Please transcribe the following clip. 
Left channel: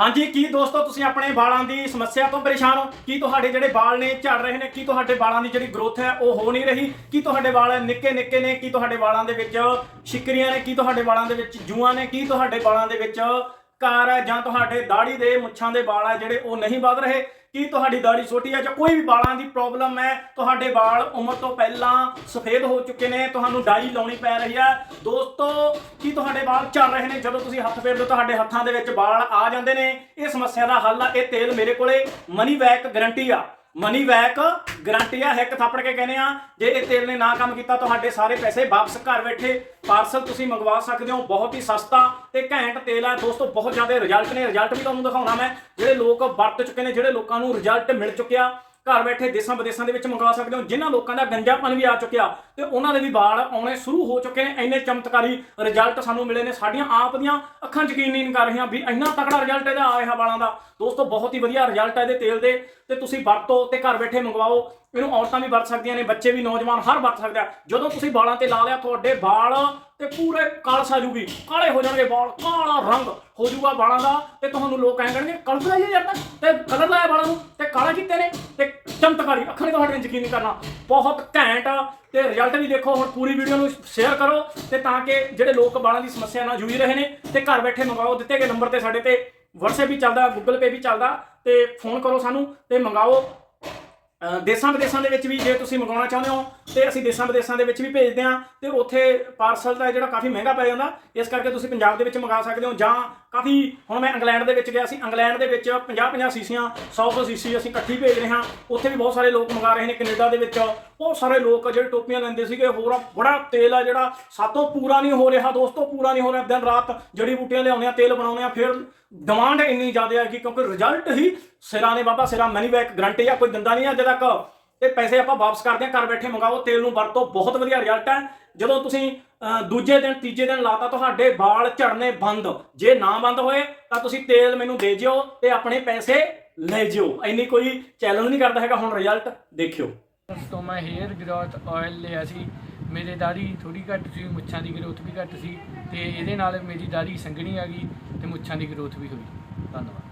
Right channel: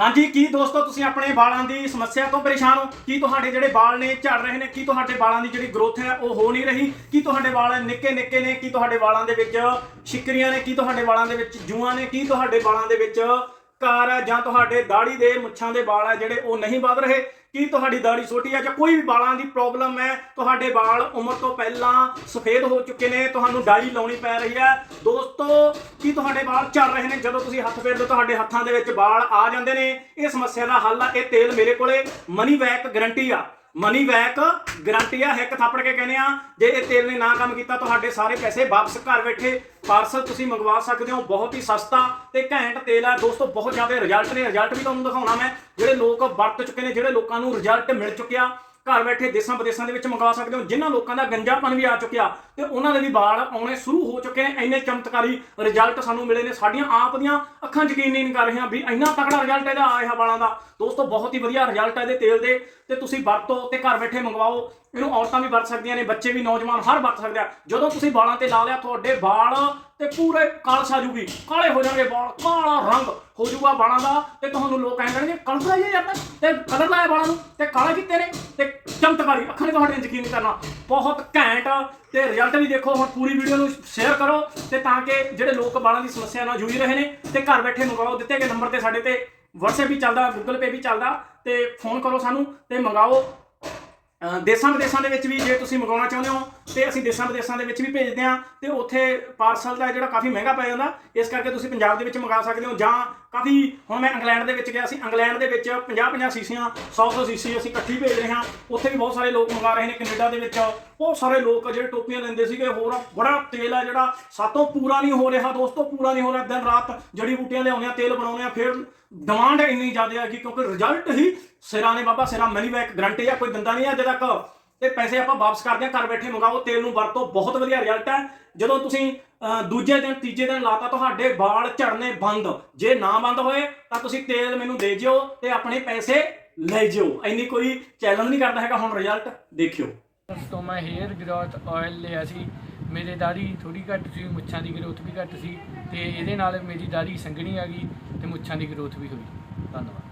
ਹਾਂਜੀ, ਕੀ ਦੋਸਤੋ ਤੁਸੀਂ ਆਪਣੇ ਵਾਲਾਂ ਦੀ ਸਮੱਸਿਆ ਤੋਂ ਪਰੇਸ਼ਾਨ ਹੋ? ਕੀ ਤੁਹਾਡੇ ਜਿਹੜੇ ਵਾਲ ਨੇ ਝੜ ਰਹੇ ਨੇ, ਕੀ ਤੁਹਾਡੇ ਵਾਲਾਂ ਦੀ ਜਿਹੜੀ ਗਰੋਥ ਹੈ ਉਹ ਹੋ ਨਹੀਂ ਰਹੀ? ਕੀ ਤੁਹਾਡੇ ਵਾਲ ਨਿੱਕੇ ਨਿੱਕੇ ਨੇ? ਕੀ ਤੁਹਾਡੇ ਵਾਲਾਂ ਦੇ ਵਿੱਚ ਸ਼ਿਕਰੀਆਂ ਨੇ? ਕੀ ਤੁਹਾਡੇ ਵਾਲਾਂ ਦੇ ਵਿੱਚ ਜੂਆਂ ਨੇ? ਕੀ ਤੁਹਾਡੇ ਵਾਲਾਂ ਦੇ ਵਿੱਚ ਕਾਰ ਹੈ ਜਾਂ ਤੁਹਾਡੇ ਦਾੜੀ ਦੇ ਮੁੱਛਾਂ ਦੇ ਵਾਲ ਹੈ ਜਿਹੜੇ ਉਹ ਨਹੀਂ ਵੱਧ ਰਹੇ, ਕੀ ਤੁਹਾਡੀ ਦਾੜੀ ਛੋਟੀ ਹੈ ਜਾਂ ਕੋਈ ਵੀ ਵਾਲਾਂ ਦੀ ਪ੍ਰੋਬਲਮ ਹੈ, ਤੁਹਾਡੇ ਵਾਲ ਉਮਰ ਤੋਂ ਪਹਿਲਾਂ ਸਫੇਦ ਹੋ ਚੁੱਕੇ ਨੇ, ਤੁਹਾਨੂੰ ਡਾਈ ਲਾਉਣੀ ਪੈ ਰਹੀ ਹੈ ਦੋਸਤੋ, ਕੀ ਤੁਹਾਡੇ ਵਾਲ ਝੜ ਰਹੇ ਨੇ? ਜਦੋਂ ਤੁਸੀਂ ਹੱਥ ਫੇਰਦੇ ਹੋ, ਤੁਹਾਡੇ ਹੱਥਾਂ ਦੇ ਵਿੱਚ ਵਾਲ ਆ ਜਾਂਦੇ ਨੇ। ਇਹ ਸਮੱਸਿਆ ਦਾ ਹੱਲ ਆ, ਇਹ ਤੇਲ ਮੇਰੇ ਕੋਲੇ ਮਨੀ ਬੈਕ ਗਾਰੰਟੀ ਆ। ਮਨੀ ਬੈਕ ਗਰੰਟੀ ਆ ਇੱਕ ਥੱਪੜ ਕੇ ਕਹਿੰਦੇ ਆ, ਜੇ ਇਹ ਤੇਲ ਨੇ ਨਾ ਕੰਮ ਕੀਤਾ, ਤੁਹਾਡੇ ਸਾਰੇ ਪੈਸੇ ਵਾਪਸ ਘਰ ਬੈਠੇ ਪਾਰਸਲ ਤੁਸੀਂ ਮੰਗਵਾ ਸਕਦੇ ਹੋ, ਬਹੁਤ ਹੀ ਸਸਤਾ ਤੇ ਘੈਂਟ ਤੇਲ ਆ। ਦੋਸਤੋ, ਬਹੁਤ ਜ਼ਿਆਦਾ ਰਿਜ਼ਲਟ ਨੇ ਰਿਜ਼ਲਟ ਵੀ ਤੁਹਾਨੂੰ ਦਿਖਾਉਣਾ ਮੈਂ। ਜਿਹੜੇ ਲੋਕ ਵਰਤ ਚੁੱਕੇ ਨੇ, ਜਿਹੜੇ ਲੋਕਾਂ ਨੂੰ ਰਿਜ਼ਲਟ ਮਿਲ ਚੁੱਕਿਆ ਘਰ ਬੈਠੇ ਦੇਸ਼ਾਂ ਵਿਦੇਸ਼ਾਂ ਦੇ ਵਿੱਚ ਮੰਗਵਾ ਸਕਦੇ ਹੋ, ਜਿਨ੍ਹਾਂ ਲੋਕਾਂ ਦਾ ਗੰਜਾਪਨ ਵੀ ਆ ਚੁੱਕਿਆ ਤੇ ਉਹਨਾਂ ਦੇ ਵੀ ਵਾਲ ਆਉਣੇ ਸ਼ੁਰੂ ਹੋ ਚੁੱਕੇ ਨੇ, ਇੰਨੇ ਚਮਤਕਾਰੀ ਰਿਜ਼ਲਟ ਸਾਨੂੰ ਮਿਲੇ ਨੇ, ਸਾਡੀਆਂ ਆਪ ਦੀਆਂ ਅੱਖਾਂ ਯਕੀਨ ਨਹੀਂ ਕਰ ਰਹੀਆਂ ਵੀ ਇੰਨਾ ਤਕੜਾ ਰਿਜ਼ਲਟ ਇਹਦਾ ਆਇਆ ਰਿਹਾ ਵਾਲਾਂ ਦਾ। ਦੋਸਤੋ, ਬਹੁਤ ਹੀ ਵਧੀਆ ਰਿਜ਼ਲਟ ਹੈ ਇਹਦੇ ਤੇਲ ਦੇ, ਤੇ ਤੁਸੀਂ ਵਰਤੋ ਤੇ ਘਰ ਬੈਠੇ ਮੰਗਵਾਓ। ਇਹਨੂੰ ਔਰਤਾਂ ਵੀ ਵਰਤ ਸਕਦੀਆਂ ਨੇ, ਬੱਚੇ ਵੀ, ਨੌਜਵਾਨ ਹਰ ਵਰਤ ਸਕਦੇ ਆ। ਜਦੋਂ ਤੁਸੀਂ ਵਾਲਾਂ ਤੇ ਲਾ ਲਿਆ ਤੁਹਾਡੇ ਵਾਲ ਤੇ ਪੂਰੇ ਕਾਲਸ ਆ ਜੂਗੀ। ਕਾਲੇ ਹੋ ਜਾਣਗੇ ਵਾਲ, ਕਾਲਾ ਰੰਗ ਹੋ ਜਾਊਗਾ ਵਾਲਾਂ ਦਾ ਤੇ ਤੁਹਾਨੂੰ ਲੋਕ ਕਹਿ ਕਰਨਗੇ ਕਲਰ ਲਾਈਏ ਯਾਰ ਤਾਂ। ਤੇ ਕਲਰ ਲਾਇਆ ਵਾਲਾਂ ਨੂੰ ਤੇ ਕਾਲੇ ਕੀਤੇ ਨੇ ਤੇ ਚਮਤਕਾਰੀ ਅੱਖਾਂ ਨੇ ਤੁਹਾਡੇ ਯਕੀਨ ਨਹੀਂ ਕਰਨਾ। ਬਹੁਤ ਘੈਂਟ ਤੇ ਰਿਜ਼ਲਟ ਵੀ ਦੇਖੋ, ਹੁਣ ਪੂਰੀ ਵੀਡੀਓ ਨੂੰ ਸ਼ੇਅਰ ਕਰੋ ਤੇ ਤਾਂ ਕਿ ਜਿਹੜੇ ਲੋਕ ਵਾਲਾਂ ਦੀ ਸਮੱਸਿਆ ਨਾਲ ਜੂਝ ਰਹੇ ਨੇ ਤੇ ਘਰ ਬੈਠੇ ਮੰਗਵਾਓ। ਦਿੱਤੇ ਗਏ ਨੰਬਰ ਤੇ ਸਾਡੇ ਤੇ WhatsApp ਵੀ ਚੱਲਦਾ, Google Pay ਵੀ ਚੱਲਦਾ ਤੇ ਫੋਨ ਕਰੋ ਸਾਨੂੰ ਤੇ ਮੰਗਾਓ ਦੇਸ਼ਾਂ ਵਿਦੇਸ਼ਾਂ ਦੇ ਵਿੱਚ ਵੀ ਜੇ ਤੁਸੀਂ ਮੰਗਾਉਣਾ ਚਾਹੁੰਦੇ ਹੋ ਤੇ ਅਸੀਂ ਦੇਸ਼ਾਂ ਵਿਦੇਸ਼ਾਂ ਦੇ ਵਿੱਚ ਵੀ ਭੇਜਦੇ ਹਾਂ ਤੇ ਉੱਥੇ ਪਾਰਸਲ ਦਾ ਜਿਹੜਾ ਕਾਫੀ ਮਹਿੰਗਾ ਪੈ ਜਾਂਦਾ, ਇਸ ਕਰਕੇ ਤੁਸੀਂ ਪੰਜਾਬ ਦੇ ਵਿੱਚ ਮੰਗਾ ਸਕਦੇ ਹੋ ਜਾਂ ਕਾਫੀ, ਹੁਣ ਮੈਂ ਇੰਗਲੈਂਡ ਦੇ ਵਿੱਚ ਗਿਆ ਸੀ, ਇੰਗਲੈਂਡ ਦੇ ਵਿੱਚ 50 50 ਸੀਸੀਆਂ 100 100 ਸੀਸੀ ਅਸੀਂ ਇਕੱਠੀ ਭੇਜ ਰਹੇ ਹਾਂ, ਉੱਥੇ ਵੀ ਬਹੁਤ ਸਾਰੇ ਲੋਕ ਮੰਗਾ ਰਹੇ ਨੇ, ਕੈਨੇਡਾ ਦੇ ਵਿੱਚ ਬਹੁਤ ਸਾਰੇ ਲੋਕ ਜਿਹੜੇ ਟੋਪੀਆਂ ਲੈਂਦੇ ਸੀਗੇ, ਹੋਰ ਆ ਬੜਾ ਤੇਲ ਆ ਜਿਹੜਾ ਸਾਤੋਂ ਪੂਰਾ ਨਹੀਂ ਹੋ ਰਿਹਾ, ਦੋਸਤੋ ਪੂਰਾ ਨਹੀਂ ਹੋ ਰਿਹਾ। ਦਿਨ ਰਾਤ ਜੜੀ ਬੂਟੀਆਂ ਲਿਆਉਂਦੇ ਆ, ਤੇਲ ਬਣਾਉਂਦੇ ਆ, ਫਿਰ ਡਿਮਾਂਡ ਇੰਨੀ ਜ਼ਿਆਦਾ ਹੈ ਕਿ ਕਿਉਂਕਿ ਰਿਜ਼ਲਟ ਹੀ ਸਿਰਾਂ ਨੇ ਬਾਬਾ, ਸਿਰਾਂ ਮਨੀ ਬੈਕ ਗਰੰਟੀ ਆ, ਕੋਈ ਦਿੰਦਾ ਨਹੀਂ ਅੱਜ ਤੱਕ। ਤੇ ਪੈਸੇ ਆਪਾਂ ਵਾਪਸ ਕਰਦੇ ਆ, ਘਰ ਬੈਠੇ ਮੰਗਾਓ, ਤੇਲ ਨੂੰ ਵਰਤੋ, ਬਹੁਤ ਵਧੀਆ ਰਿਜ਼ਲਟ ਹੈ ਜਦੋਂ ਤੁਸੀਂ ਦੂਜੇ ਦਿਨ, ਤੀਜੇ ਦਿਨ ਲਾਤਾ, ਤੁਹਾਡੇ ਵਾਲ ਝੜਨੇ ਬੰਦ। ਜੇ ਨਾ ਬੰਦ ਹੋਏ, ਤਾਂ ਤੁਸੀਂ ਤੇਲ ਮੈਨੂੰ ਦੇ ਜਿਓ ਤੇ ਆਪਣੇ ਪੈਸੇ ਲੈ ਜਿਓ। ਇੰਨੀ ਕੋਈ ਚੈਲੰਜ ਨਹੀਂ ਕਰਦਾ ਹੈਗਾ, ਹੁਣ ਰਿਜ਼ਲਟ ਦੇਖਿਓ। ਤੋਂ ਮੈਂ ਹੇਅਰ ਗਰੋਥ ਆਇਲ ਲਿਆ ਸੀ। ਮੇਰੇ ਦਾੜੀ ਥੋੜੀ ਘੱਟ ਸੀ, ਮੁੱਛਾਂ ਦੀ ਗਰੋਥ ਵੀ ਘੱਟ ਸੀ ਤੇ ਇਹਦੇ ਨਾਲ ਮੇਰੀ ਦਾੜੀ ਸੰਘਣੀ ਆ ਗਈ ਤੇ ਮੁੱਛਾਂ ਦੀ ਗਰੋਥ ਵੀ ਹੋਈ। ਧੰਨਵਾਦ।